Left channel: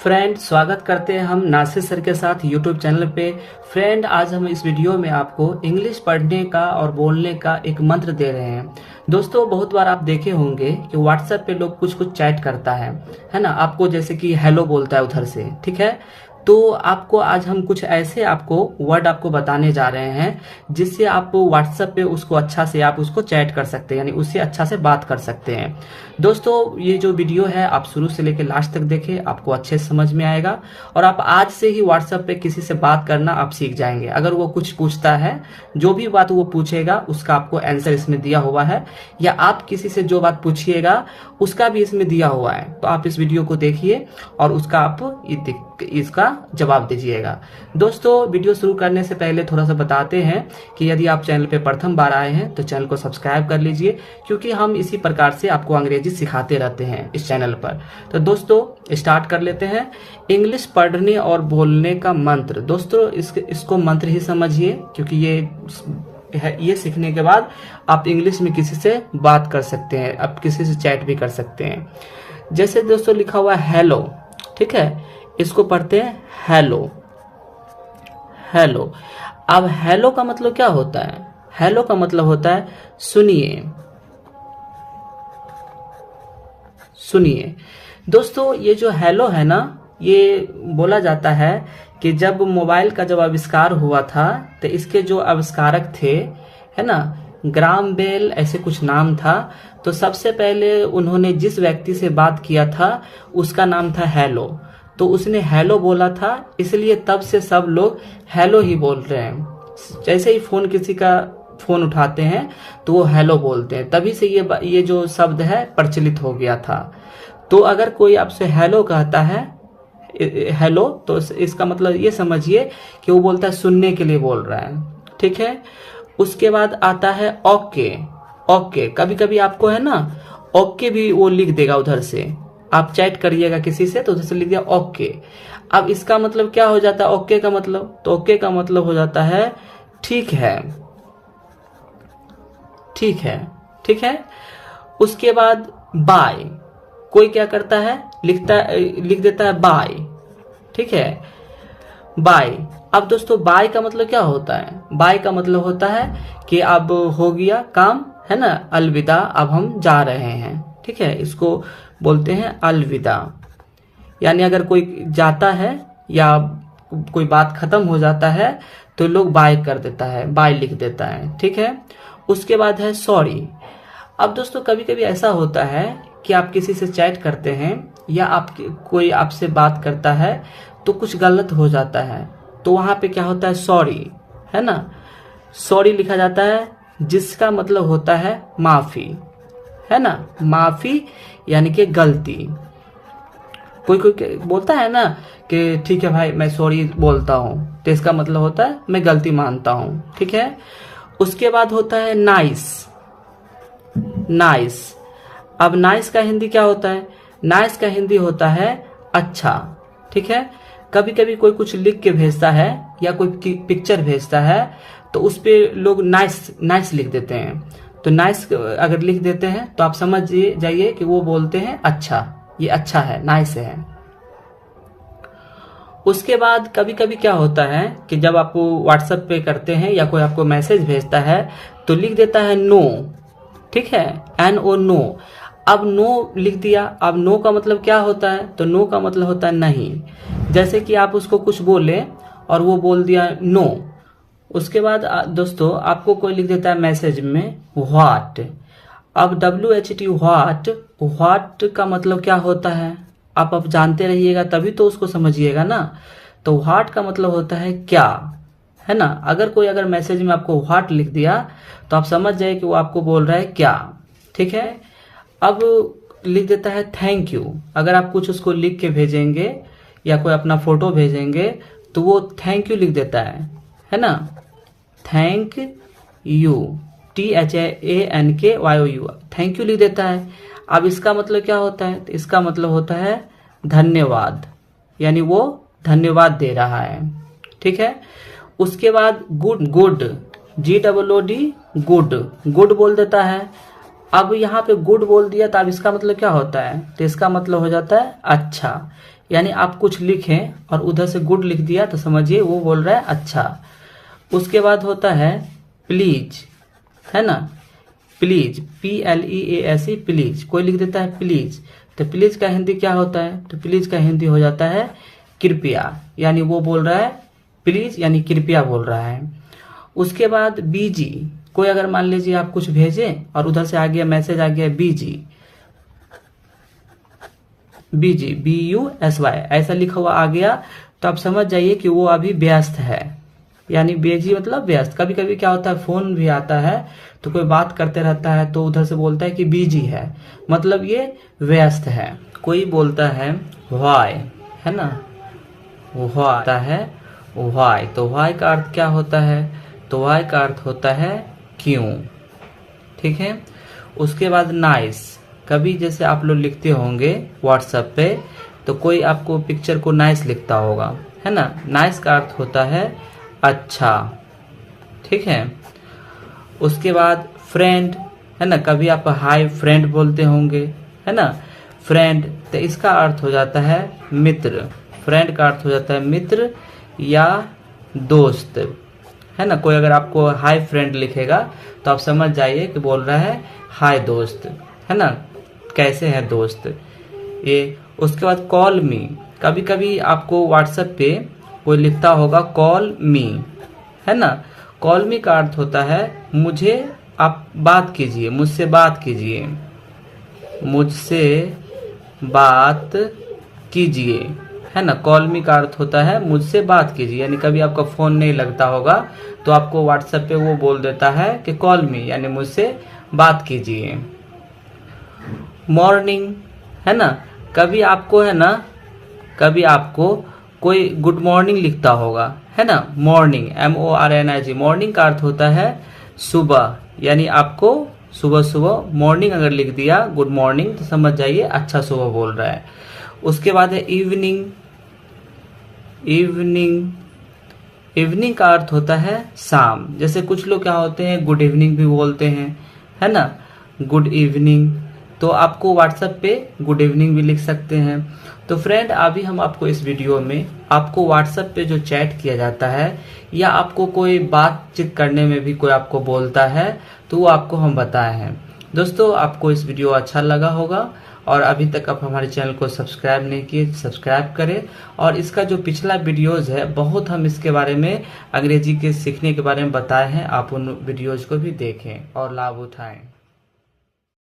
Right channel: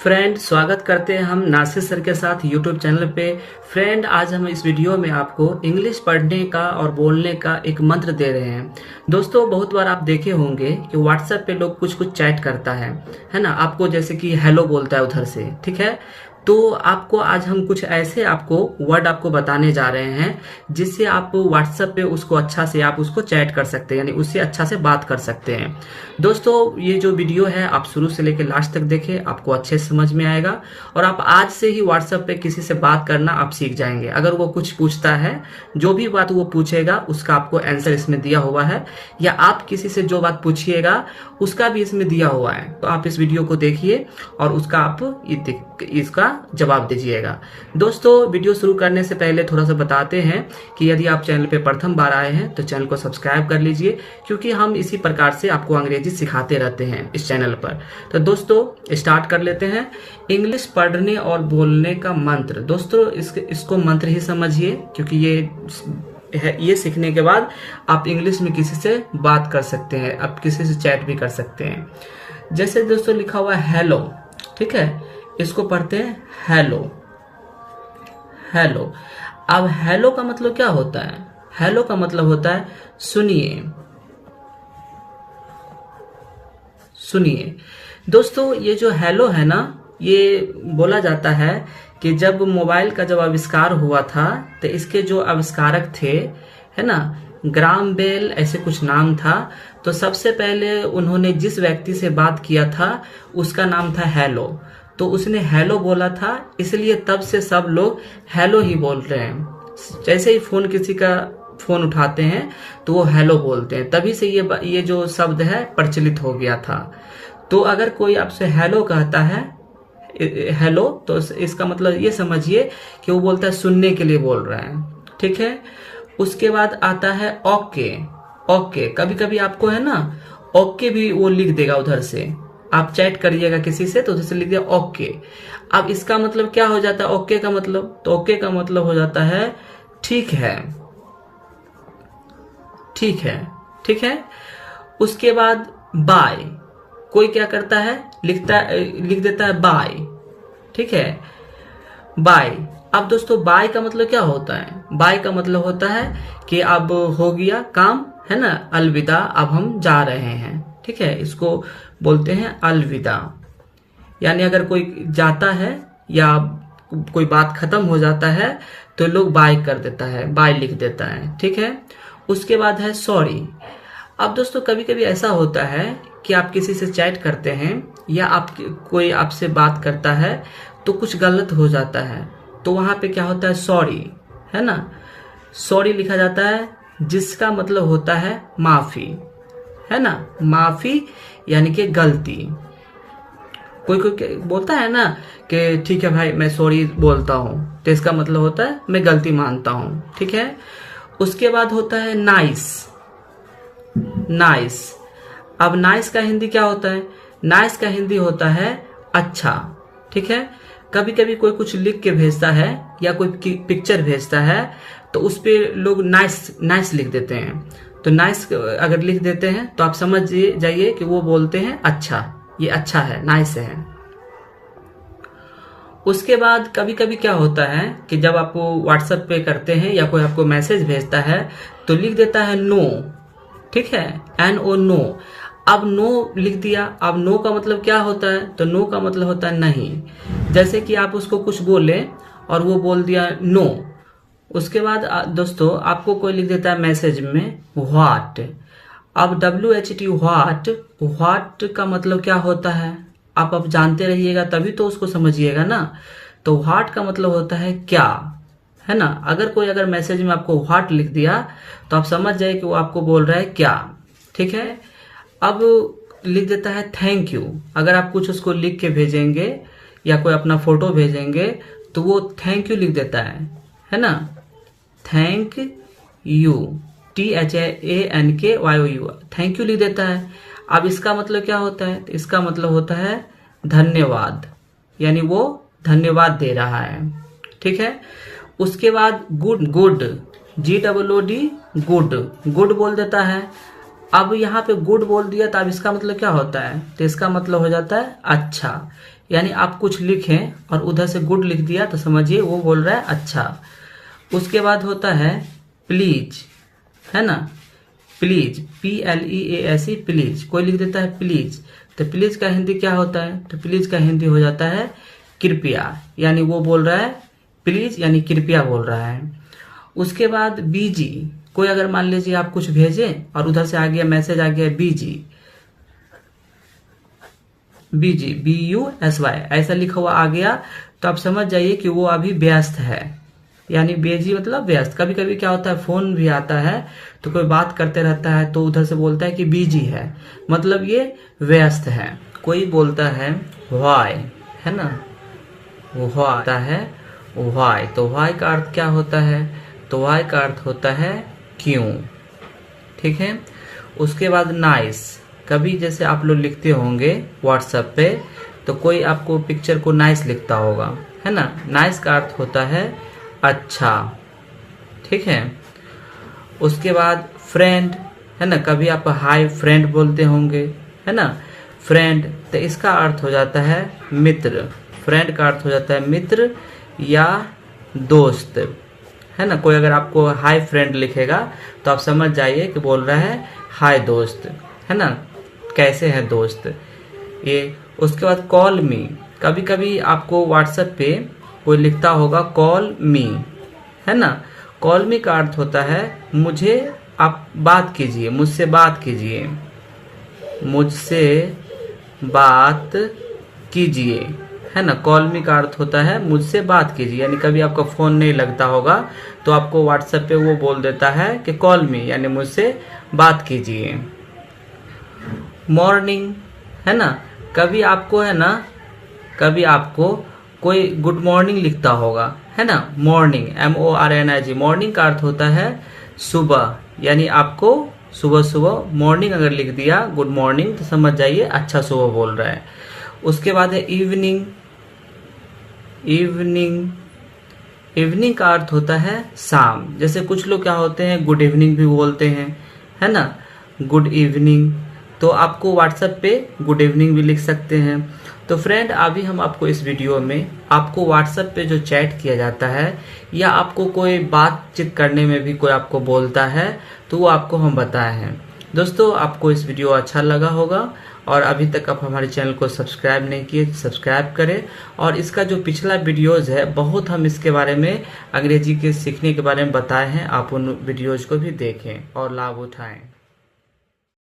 Friend, स्वागत करते हैं हम नासिर सर के साथ यूट्यूब चैनल पे। फ्रेंड, आज हम इस वीडियो में आपको इंग्लिश पढ़ने का और बोलने का एक मंत्र दे रहे हैं। दोस्तों, बहुत बार आप देखे होंगे कि व्हाट्सएप पे लोग कुछ कुछ चैट करता है ना, आपको जैसे कि हेलो बोलता है उधर से, ठीक है। तो आपको आज हम कुछ ऐसे आपको वर्ड आपको बताने जा रहे हैं जिससे आप व्हाट्सएप पे उसको अच्छा से आप उसको चैट कर सकते हैं, यानी उससे अच्छा से बात कर सकते हैं। दोस्तों, ये जो वीडियो है आप शुरू से लेकर लास्ट तक देखें, आपको अच्छे से समझ में आएगा और आप आज से ही व्हाट्सएप पे किसी से बात करना आप सीख जाएंगे। अगर वो कुछ पूछता है, जो भी बात वो पूछेगा उसका आपको आंसर इसमें दिया हुआ है, या आप किसी से जो बात पूछिएगा उसका भी इसमें दिया हुआ है। तो आप इस वीडियो को देखिए और उसका आप इसका जवाब दीजिएगा। दोस्तों, वीडियो शुरू करने से पहले थोड़ा सा बताते हैं कि यदि आप चैनल पे प्रथम बार आए हैं तो चैनल को सब्सक्राइब कर लीजिए, क्योंकि हम इसी प्रकार से आपको अंग्रेजी सिखाते रहते हैं इस चैनल पर। तो दोस्तों, स्टार्ट कर लेते हैं। इंग्लिश पढ़ने और बोलने का मंत्र। दोस्तों, इसको मंत्र ही समझिए, क्योंकि ये सीखने के बाद आप इंग्लिश में किसी से बात कर सकते हैं, आप किसी से चैट भी कर सकते हैं। जैसे दोस्तों लिखा हुआ है हेलो, ठीक है, इसको पढ़ते हैं हेलो। हेलो। अब हेलो का मतलब क्या होता है? हेलो का मतलब होता है सुनिए। सुनिए। दोस्तों, ये जो हेलो है ना, ये बोला जाता है कि जब मोबाइल का जब आविष्कार हुआ था तो इसके जो आविष्कारक थे, है ना, ग्राम बेल ऐसे कुछ नाम था। तो सबसे पहले उन्होंने जिस व्यक्ति से बात किया था उसका नाम था हेलो। तो उसने हेलो बोला था, इसलिए तब से सब लोग हेलो ही बोल रहे हैं। जैसे ही किसी का फोन उठाते हैं तो वो हेलो बोलते हैं, तभी से ये जो शब्द है प्रचलित हो गया था। तो अगर कोई आपसे हेलो कहता है, हेलो, तो इसका मतलब ये समझिए कि वो बोलता है सुनने के लिए बोल रहा है, ठीक है। उसके बाद आता है ओके। ओके, कभी कभी आपको है ना ओके भी वो लिख देगा उधर से, आप चैट करिएगा किसी से तो उधर से लिख दिया ओके। अब इसका मतलब क्या हो जाता है ओके का मतलब? तो ओके का मतलब हो जाता है ठीक है, ठीक है, ठीक है। उसके बाद बाय। कोई क्या करता है, लिख देता है बाय, ठीक है, बाय। अब दोस्तों, बाय का मतलब क्या होता है? बाय का मतलब होता है कि अब हो गया काम, है ना, अलविदा, अब हम जा रहे हैं, ठीक है। इसको बोलते हैं अलविदा। यानी अगर कोई जाता है या कोई बात खत्म हो जाता है तो लोग बाय कर देता है, बाय लिख देता है, ठीक है। उसके बाद है सॉरी। अब दोस्तों, कभी कभी ऐसा होता है कि आप किसी से चैट करते हैं या कोई आपसे बात करता है तो कुछ गलत हो जाता है, तो वहां पे क्या होता है सॉरी, है ना। सॉरी लिखा जाता है जिसका मतलब होता है माफी, है ना। माफी यानी कि गलती। कोई कोई बोलता है ना कि ठीक है भाई मैं सॉरी बोलता हूँ, तो इसका मतलब होता है मैं गलती मानता हूँ, ठीक है। उसके बाद होता है नाइस। नाइस। अब नाइस का हिंदी क्या होता है? नाइस का हिंदी होता है अच्छा, ठीक है। कभी कभी कोई कुछ लिख के भेजता है या कोई पिक्चर भेजता है तो उस पे लोग नाइस नाइस लिख देते हैं। तो नाइस अगर लिख देते हैं तो आप समझ जाइए कि वो बोलते हैं अच्छा, ये अच्छा है, नाइस है। उसके बाद कभी कभी क्या होता है कि जब आप व्हाट्सएप पे करते हैं या कोई आपको मैसेज भेजता है तो लिख देता है नो, ठीक है, NO, नो। अब नो लिख दिया। अब नो का मतलब क्या होता है? तो नो का मतलब होता है नहीं। जैसे कि आप उसको कुछ बोले और वो बोल दिया नो। उसके बाद दोस्तों, आपको कोई लिख देता है मैसेज में व्हाट। अब WHAT, व्हाट का मतलब क्या होता है? आप जानते रहिएगा तभी तो उसको समझिएगा ना। तो व्हाट का मतलब होता है क्या, है ना। अगर मैसेज में आपको व्हाट लिख दिया तो आप समझ जाए कि वो आपको बोल रहा है क्या, ठीक है। अब लिख देता है थैंक यू। अगर आप कुछ उसको लिख के भेजेंगे या कोई अपना फोटो भेजेंगे तो वो थैंक यू लिख देता है ना। Thank you, THANKYOU, thank you लिख देता है। अब इसका मतलब क्या होता है? तो इसका मतलब होता है धन्यवाद, यानी वो धन्यवाद दे रहा है, ठीक है। उसके बाद गुड, GOOD, गुड, गुड बोल देता है। अब यहाँ पे गुड बोल दिया तो अब इसका मतलब क्या होता है? तो इसका मतलब हो जाता है अच्छा, यानी आप कुछ लिखें और उधर से गुड लिख दिया तो समझिए वो बोल रहा है अच्छा। उसके बाद होता है प्लीज, है ना, प्लीज, PLEASE, प्लीज। कोई लिख देता है प्लीज, तो प्लीज का हिंदी क्या होता है? तो प्लीज का हिंदी हो जाता है कृपया, यानी वो बोल रहा है प्लीज यानी कृपया बोल रहा है। उसके बाद बीजी, कोई अगर मान लीजिए आप कुछ भेजे और उधर से आ गया मैसेज आ गया बीजी, बीजी BUSY ऐसा लिखा हुआ आ गया, तो आप समझ जाइए कि वो अभी व्यस्त है, यानी बेजी मतलब व्यस्त। कभी कभी क्या होता है फोन भी आता है तो कोई बात करते रहता है तो उधर से बोलता है कि बिजी है, मतलब ये व्यस्त है। कोई बोलता है व्हाई, है ना, वो आता है व्हाई, तो व्हाई का अर्थ क्या होता है? तो व्हाई का अर्थ होता है क्यों, ठीक है। उसके बाद नाइस, कभी जैसे आप लोग लिखते होंगे व्हाट्सएप पे तो कोई आपको पिक्चर को नाइस लिखता होगा, है ना, नाइस का अर्थ होता है अच्छा, ठीक है। उसके बाद फ्रेंड, है ना, कभी आप हाय फ्रेंड बोलते होंगे, है ना, फ्रेंड, तो इसका अर्थ हो जाता है मित्र। फ्रेंड का अर्थ हो जाता है मित्र या दोस्त, है ना। कोई अगर आपको हाय फ्रेंड लिखेगा तो आप समझ जाइए कि बोल रहा है हाय दोस्त, है ना, कैसे है दोस्त ये। उसके बाद कॉल मी, कभी कभी आपको व्हाट्सएप पे कोई लिखता होगा कॉल मी, है ना। कॉल मी का अर्थ होता है मुझे आप बात कीजिए, मुझसे बात कीजिए, मुझसे बात कीजिए, है ना। कॉल मी का अर्थ होता है मुझसे बात कीजिए, यानी कभी आपका फोन नहीं लगता होगा तो आपको व्हाट्सएप पे वो बोल देता है कि कॉल मी यानी मुझसे बात कीजिए। मॉर्निंग, है ना, कभी आपको, है ना, कभी आपको कोई गुड मॉर्निंग लिखता होगा, है ना, मॉर्निंग MORNING, मॉर्निंग का अर्थ होता है सुबह, यानी आपको सुबह सुबह मॉर्निंग अगर लिख दिया गुड मॉर्निंग तो समझ जाइए अच्छा सुबह बोल रहा है। उसके बाद है इवनिंग, इवनिंग, इवनिंग का अर्थ होता है शाम। जैसे कुछ लोग क्या होते हैं गुड इवनिंग भी बोलते हैं, है ना, गुड इवनिंग, तो आपको व्हाट्सएप पे गुड इवनिंग भी लिख सकते हैं। तो फ्रेंड अभी हम आपको इस वीडियो में आपको व्हाट्सएप पे जो चैट किया जाता है या आपको कोई बातचीत करने में भी कोई आपको बोलता है तो वो आपको हम बताए हैं। दोस्तों आपको इस वीडियो अच्छा लगा होगा और अभी तक आप हमारे चैनल को सब्सक्राइब नहीं किए सब्सक्राइब करें, और इसका जो पिछला वीडियोज है बहुत हम इसके बारे में अंग्रेजी के सीखने के बारे में बताए हैं, आप उन वीडियोज को भी देखें और लाभ उठाएं।